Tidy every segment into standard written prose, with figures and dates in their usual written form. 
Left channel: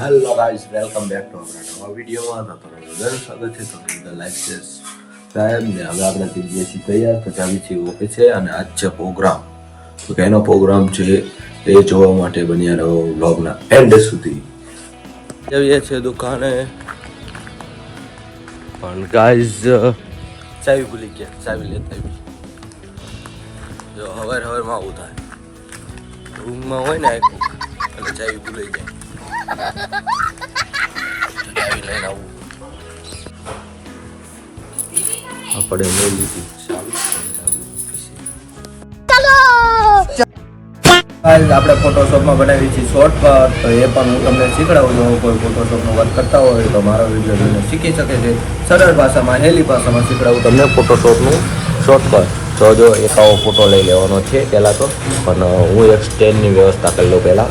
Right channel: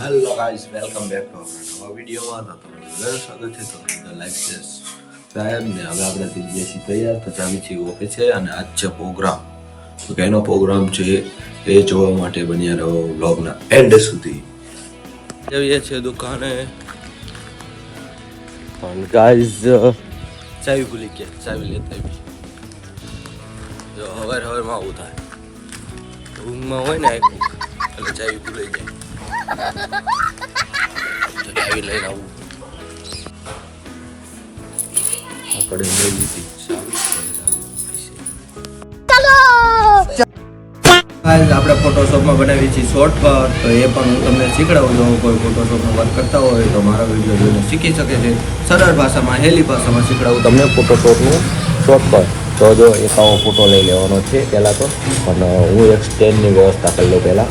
Hello guys, welcome back to આપણા નવા વિડીયોમાં. તો તમારું બધાનું સ્વાગત છે. તો બધા લાઈક છે સાહેબ ને હવે આપણે થઈ ગયા છીએ તૈયાર. તો ચાવી છીએ ઓફિસે અને આજ છે પ્રોગ્રામ. તો એનો પ્રોગ્રામ છે એ જોવા માટે બન્યા રહો વ્લોગના એન્ડ સુધી. જઈએ છીએ દુકાને પણ ગાઈસ ચાવી ભૂલી ગયા, ચાવી લેતા આવી. જો હવારમાં આવું થાય, રૂમમાં હોય ને એટલે ચાવી ભૂલાઈ જાય. ચાવી લઈને આવું આપણે લઈ લીધી આપણે ફોટોશોપમાં બનાવી છીએ શોર્ટકટ. તો એ પણ હું તમને શીખડાવું. જો કોઈ ફોટોશોપનું વર્ક કરતા હોય તો મારો વિડીયો જોઈને શીખી શકે છે. સરળ ભાષામાં, હેલી ભાષામાં શીખડાવું તમને ફોટોશોપનું શોર્ટકટ. તો જો એક આવો ફોટો લઈ લેવાનો છે પહેલાં તો, પણ હું એક સ્ટેન્ડની વ્યવસ્થા કરી લઉં પહેલાં.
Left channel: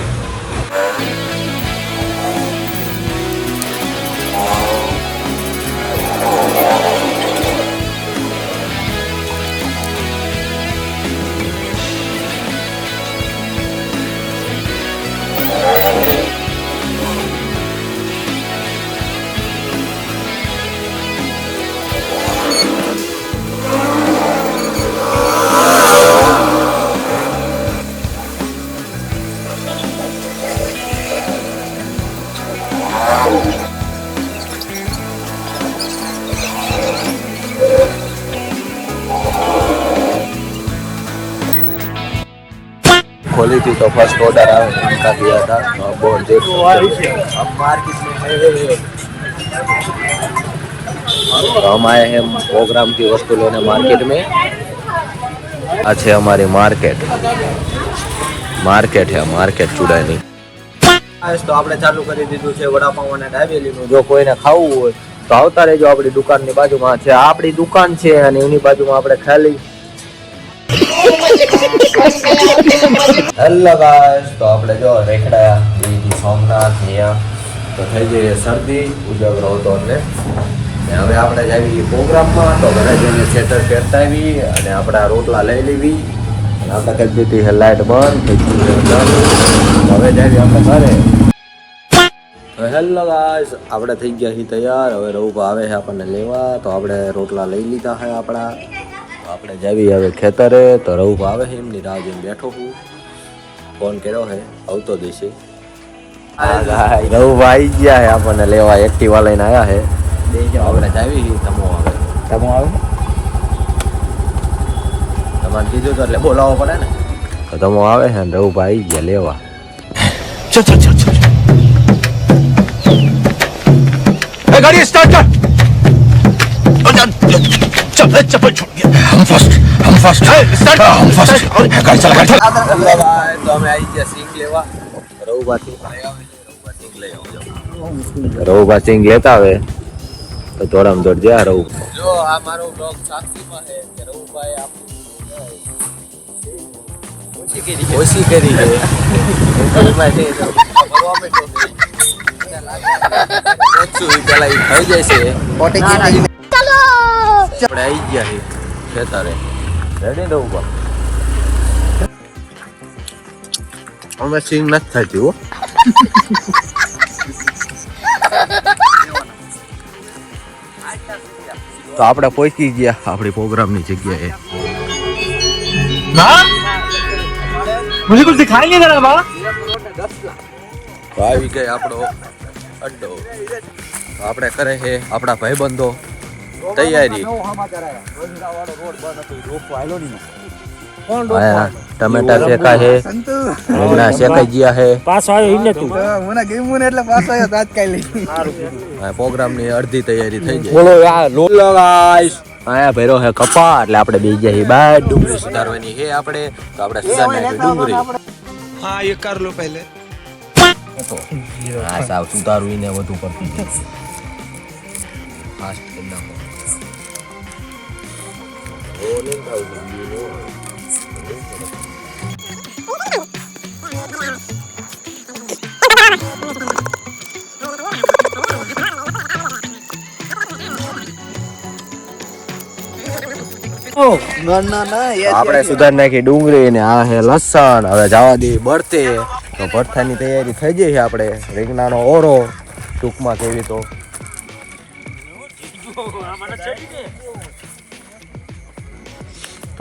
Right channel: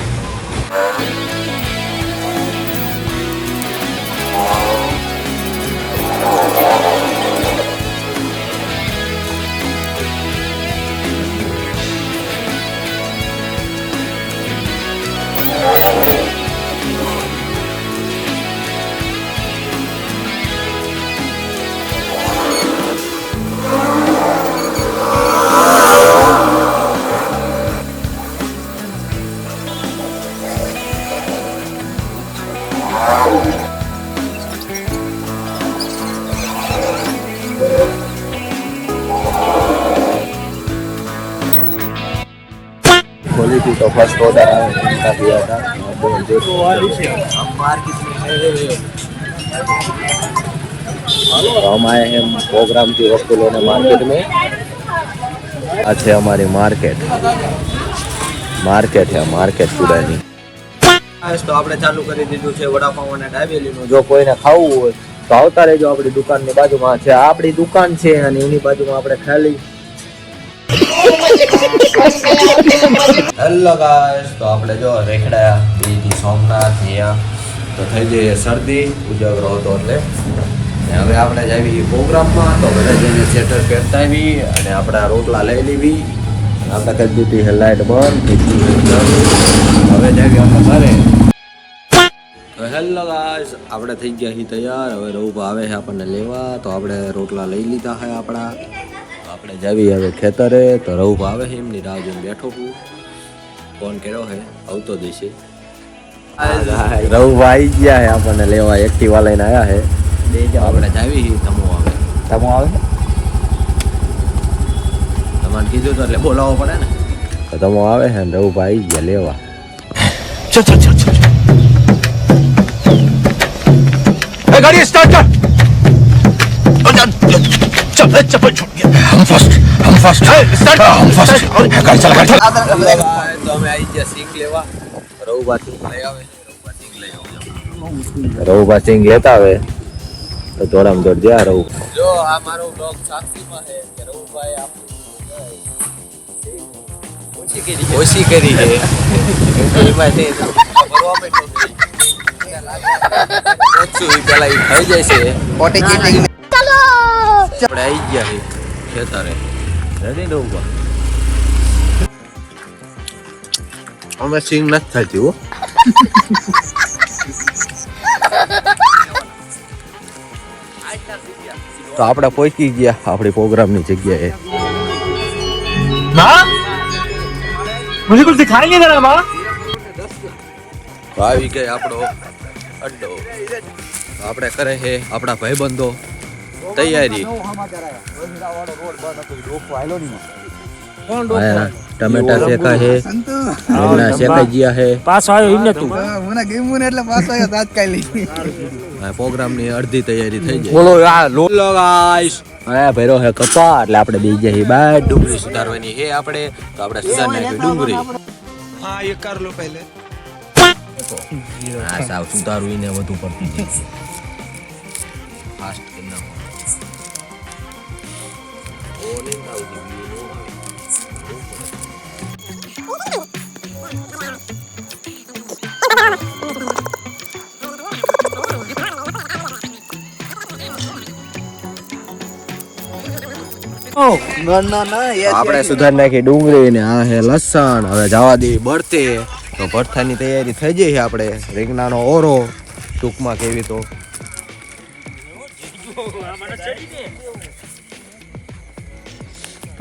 क्वालिटी तो फर्स्ट ऑर्डर दिया था तो बहुत हम मार्केट में हम आए हैं प्रोग्राम की वस्तु लेने मार्केट में. अच्छे हमारे मार्केट है मार्केट चुड़ानी. તો આપણે ચાલુ કરી દીધું છે વડાપાઉં અને ડાબેલીનું. જો કોઈને ખાવું હોય તો આવતા રહેજો. આપણી દુકાનની બાજુમાં છે, આપણી દુકાન છે અને એની બાજુમાં આપણે ખાલી. હેલો ગાઈસ, તો આપણે જો રેખડા બીજી સોમનાથ અહીંયા તો થઈ જઈએ શરદી ઉજવરો હતો એટલે હવે આપણે જ આવી પ્રોગ્રામમાં. તો ઘરે જઈને સ્વેટર પહેરતા આવી અને આપણા રોટલા લઈ લેવી અને આપણે કહી દીધી છે લાઈટ બંધ થઈ ગયું. હવે જ આવી આપણે ઘરે. તો હેલો ગાઈસ, આપણે થઈ ગયા છીએ તૈયાર. હવે રઉભા આવે છે આપણને લેવા. તો આપણે રોટલા લઈ લીધા છે આપણા. આપણે જાવી હવે ખેતરે. તો રઉભા આવે છે, એમની રાહ જોઈને બેઠો હું. ફોન કર્યો છે, આવતો દેશે. રઉભા આવી ગયા છે આપણને લેવા, એક્ટિવા લઈને આવ્યા છે. આપણે જાવી તમો આવે તમારે કીધું તો એટલે બોલાવવો પડે ને. તો તમો આવે છે ને રઉભા આવી ગયા લેવા. गाड़ी स्टार्ट कर. चप्पल छोड़ गया. हम फर्स्ट स्टार्ट. हम फर्स्ट गाड़ी चला गाड़ी. તો અમે આવી ગયા સિંગ લેવા. રઉભા સિંગ લઈ આવે. સિંગ લઈ આવજો. રઉભા સિંગ લેતા આવે તો જોડમ જોડ જા રહું. જો આ મારો બ્લોગ સાક્ષીમાં છે કે રઉભાઈ આપણું ઓછી કરી છે. પેલા થઈ જાય છે. આપણે આવી ગયા છે ખેતરે. રેડી રઉભા? અમે સિંગ નથી થતી હો. તો આપણે પહોંચી ગયા આપણી પ્રોગ્રામની જગ્યાએ. माँ मुझे कुछ दिखाई नहीं दे रहा माँ. તો આવી ગઈ આપણો અડ્ડો. આપણે કરે છે આપણા ભાઈબંધો તૈયારી. ટમેટા શેકા છે, રીંગણા શેકાઈ ગયા છે. पास आयो इने तू. મને ગમ્યું ને એટલે પાછો આવ્યો તાત્કાલિક. પ્રોગ્રામની અડધી તૈયારી થઈ જાય. बोलो यार लो. હેલો ગાઈસ, આયા ભેરો છે કપા એટલે આપણે બે જઈએ બહાર. ડુંગળી સુધારવાની છે આપણે. તો આપણે સુધાર નાખી ડુંગળી. હા ये कर लो पहले. હા સાવ સુધારવું ને વધુ પડતી જાય. ફાસ્ટ કરી નાખો. ઓ નહીં ખાવું ના ના ના આપણે સુધાર નાખી ડુંગળી ને આ હે લસણ. હવે જવા દે બળતે તો ભરથાની તૈયારી થઈ ગઈ છે આપણે રીંગણાનો ઓરો ટૂંકમાં કેવી તો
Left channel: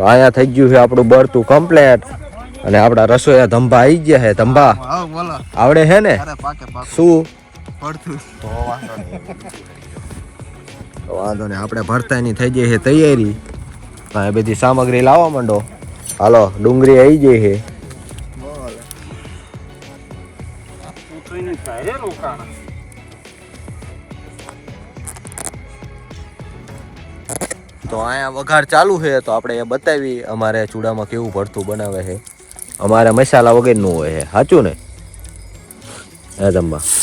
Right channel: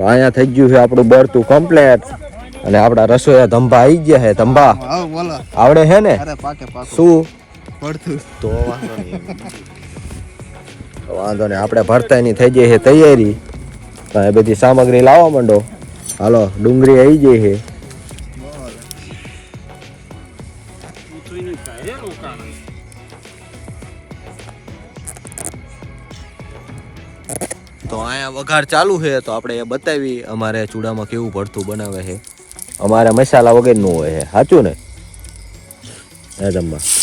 અહીંયા થઈ ગયું છે આપણું બળતું કમ્પ્લેટ અને આપણા રસોઈયા ધંભા આવી ગયા છે ધંભા હા બોલો આવડે છે ને અરે પાકે શું પડતું તો વાંધો નહીં આપણે ભરતાની થઈ ગઈ છે તૈયારી તો એ બધી સામગ્રી લાવવા માંડો હાલો ડુંગળી આવી ગઈ છે તો અહીંયા વઘાર ચાલુ છે તો આપણે એ બતાવી અમારે ચૂડામાં કેવું ભરતું બનાવે છે અમારે મસાલા વગરનું હોય છે સાચું ને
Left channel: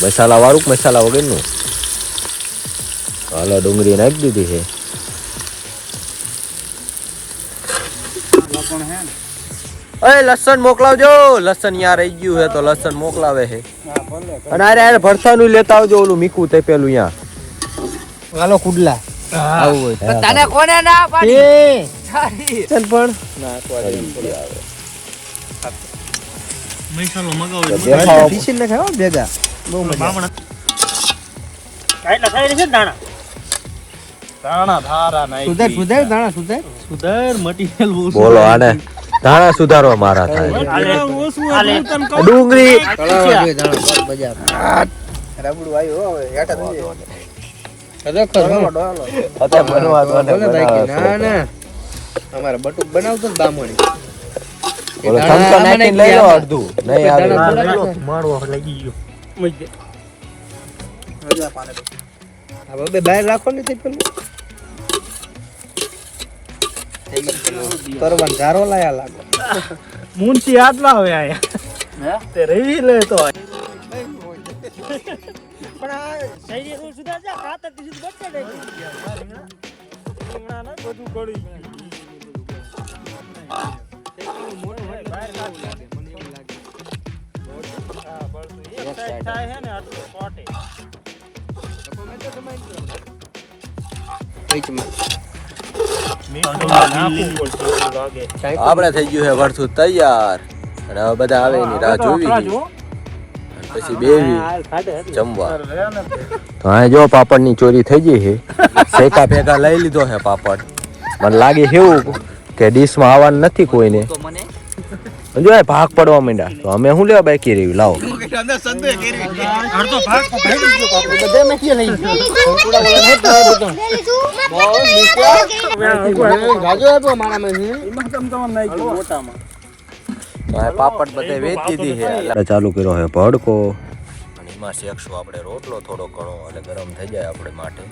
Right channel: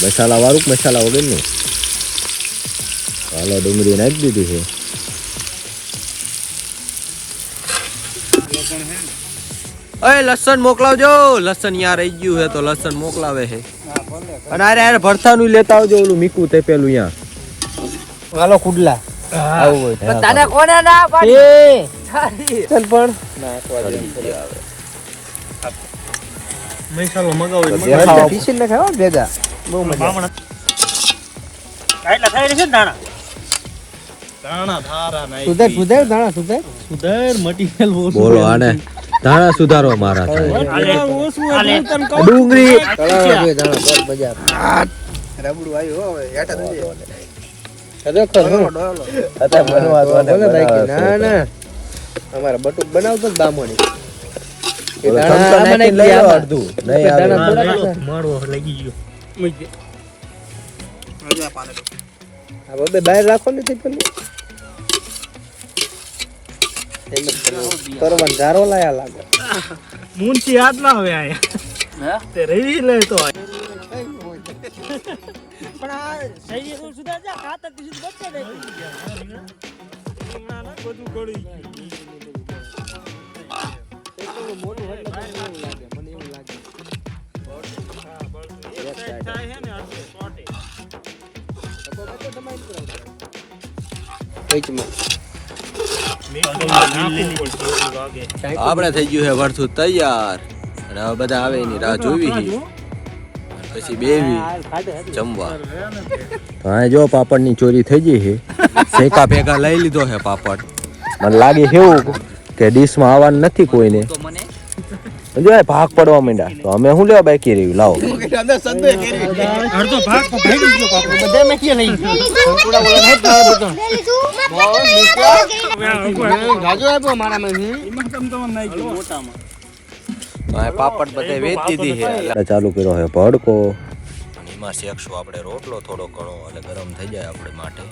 મસાલા વાળું મસાલા વગરનું હાલો ડુંગળી નાખી દીધી છે અરે લસણ મોકલાવજો લસણ યાર રહી ગયું છે તો લસણ મોકલાવે છે અને અરે ભરથાનું લેતા આવજો ઓલું મીકું તે પેલું યા હાલો કુડલા આવું હોય તને કોને ના પાડી ચાલ પણ મસાલો મગાવો ટીસી ને ખાઓ ભેગા બહુ મજા એટલા થઈ રહી છે દાણા દાણા ધારા નાઈ સુધર દાણા સુધર મટીરિયલ બહુ બોલો આને ધાણા સુધારવા મારા થાય આલે ડુંગળી રબડું આવ્યો હવે હેઠા થઈ અમારે બટુક બનાવતું બામણી ચમચો નાખીને લઈ લો અડધું નહીં આવે મારવો લાગી ગયો હવે બહાર રાખો ને તે પેલું ગારો લાયા લાગે મુનસી આટલા હવે આયા તે રહી લે તો બધું ગળી આપણે થઈ ગયું છે વરસું તૈયાર અને હવે બધા આવે એની રાહ જોવી છે. પછી બેવી જમવા તો આ જો પાપડની ચોરી થઈ ગઈ છે શેકા ભેગા લઈ લીધો છે પાપડ મને લાગે છે એવું કે ડીશમાં આવવાનું નથી કોઈને જો એ ભાગ પડવા માંડ્યા તો અમે શું લેવા બાકી રહ્યું લાવો અડધો ભાગ ભાઈ ગયો પાપડ બધા મેથી લઈ ગાજો આપ્યો મારા મેથી એમાં તમ તમને નાઈ ગયો મોટામાં તો આ પાપડ બધે વેચી દીધી છે એટલે ચાલુ કર્યો છે ભડકો અને એમાં શેકશું આપણે રોટલો થોડો ઘણો એટલે ગરમ થઈ જાય આપણે માટે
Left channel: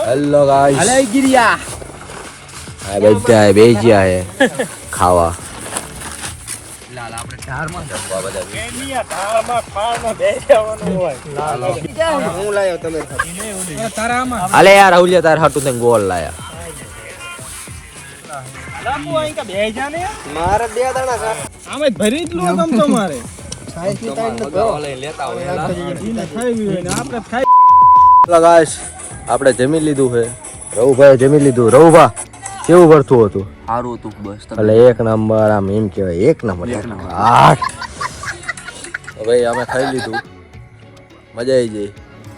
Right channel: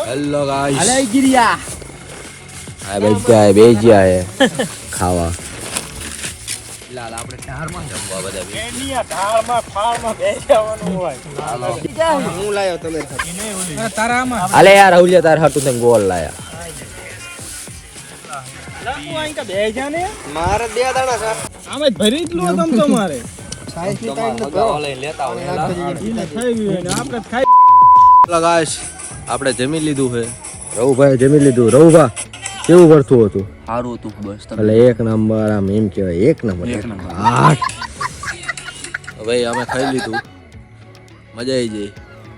હેલો ગાઈસ અલે ગિરિયા આ બેજ્યા હે ખાવા જમવા બધા એનિયા ધારમાં ફાળમાં બેસવાનું હોય હું લાયો તમે તારામાં અલે યાર આવલિયા તાર હાટુ તને ગોળ લાયા લાપો અહીં કા બેજા ને મારે બે દાણા ખા આમે ભરી જ લો તમ તો મારે સાઈઝ ની ટાઈમ તો કરો લેતા ઈને ખાઈ ગયું ને આપણે ખાઈ હેલો ગાઈસ આપણે જમી લીધું છે રવુભાઈ જમી લીધું રવુભા કેવું કરતું હતું સારું હતું બસ એટલે એક નંબર આમ એમ કહેવાય એક નંબર ભાઈ અમે ખાઈ લીધું મજા આવી ગઈ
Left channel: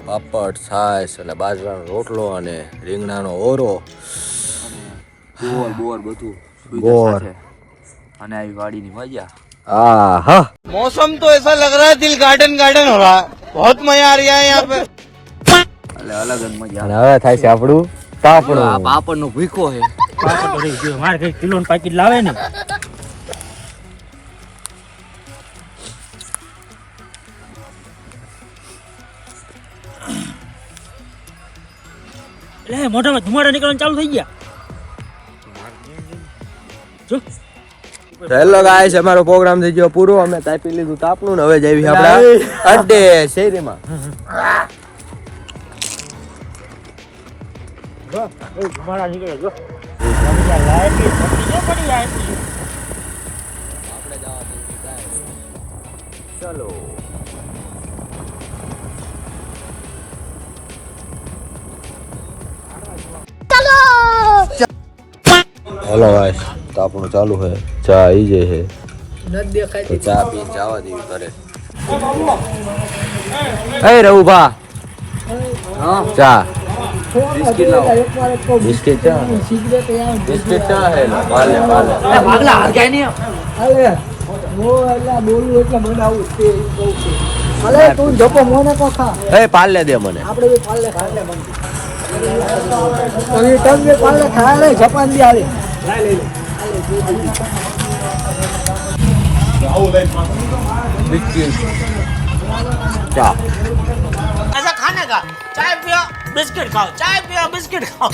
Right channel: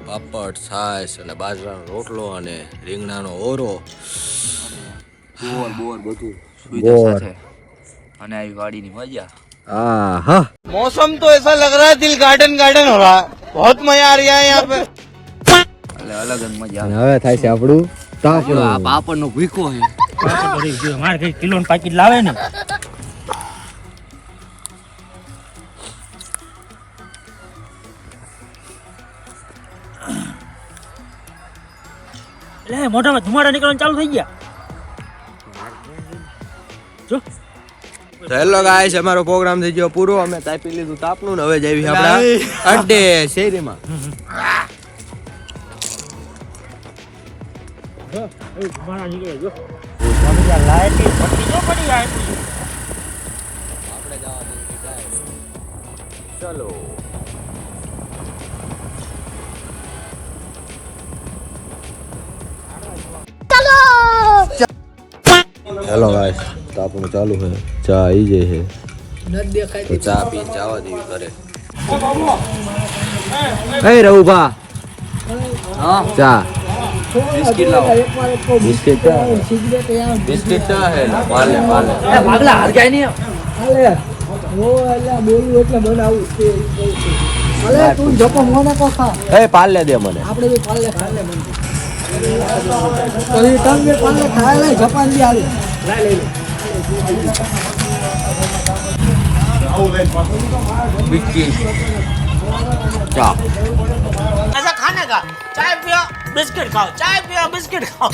પાપડ છાશ અને બાજરાનો રોટલો અને રીંગણાનો ઓરો બોર બધું સુવિધા સાથે અને આવી વાડીની મજા આ હા मौसम तो ऐसा लग रहा है दिल गार्डन गार्डन हो रहा है बहुत मजा आ रहा है यहाँ पे એટલે અલગ જ મજા અને હવે થાય છે આપણું તાપણું આ પાપડ નો ભૂખો છે પાપડ તો રહી ગયો મારે કઈ કિલો નું પાકીટ લાવે ને એટલે મોઢામાં ધુમાડા નીકળવાનું ચાલુ થઈ ગયા જો હેલો ગાઈસ અમારો પ્રોગ્રામ થઈ ગયો પૂરો અમે તાપી લીધું તાપનું ને હવે જઈએ આપણા અડ્ડે શેરીમાં ધુમાડા નીકળે જો લાઈટ ની પટ્ટી ન પડી જાય આપણે જવા ચલો હેલો ગાઈસ તાપણું ચાલુ છે ચા આવી જાય છે તો ચા પીને જવા દેવી ઘરે. એ રઘુભા હા ચા બિસ્કિટ લાવો. બિસ્કિટ બિસ્કિટ ચા હે પાલે પાલે તું જપો મોને કો ખા એ પાલે દે મને. આપણે બી પાલે ખાને તમે પાલે ખા લે જપાન બી આલે બિસ્કિટ ચા ऐसा खाने का चाय पियो बिस्किट खाओ चाय पियो बिस्किट खाओ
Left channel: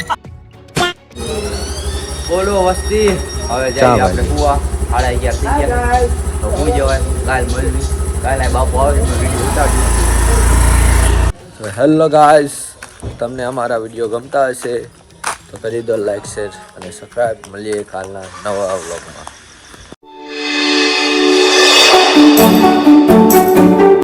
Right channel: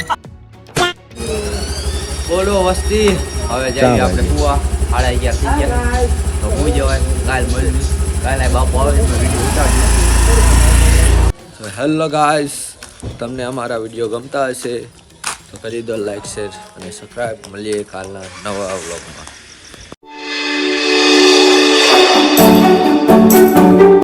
બોલો વસ્તી હવે જઈએ આપણે કુવા 11:30 થઈ ગયા તો હું જવાય કાલ મળ્યું કાલે બાપુ આવે તો વિડીયો ઉતારજો. તો હેલો ગાઈસ, તમને અમારા વિડીયો ગમતા હશે તો કરી દો લાઈક શેર અને સબસ્ક્રાઈબ. મળીએ કાલના નવા વ્લોગમાં.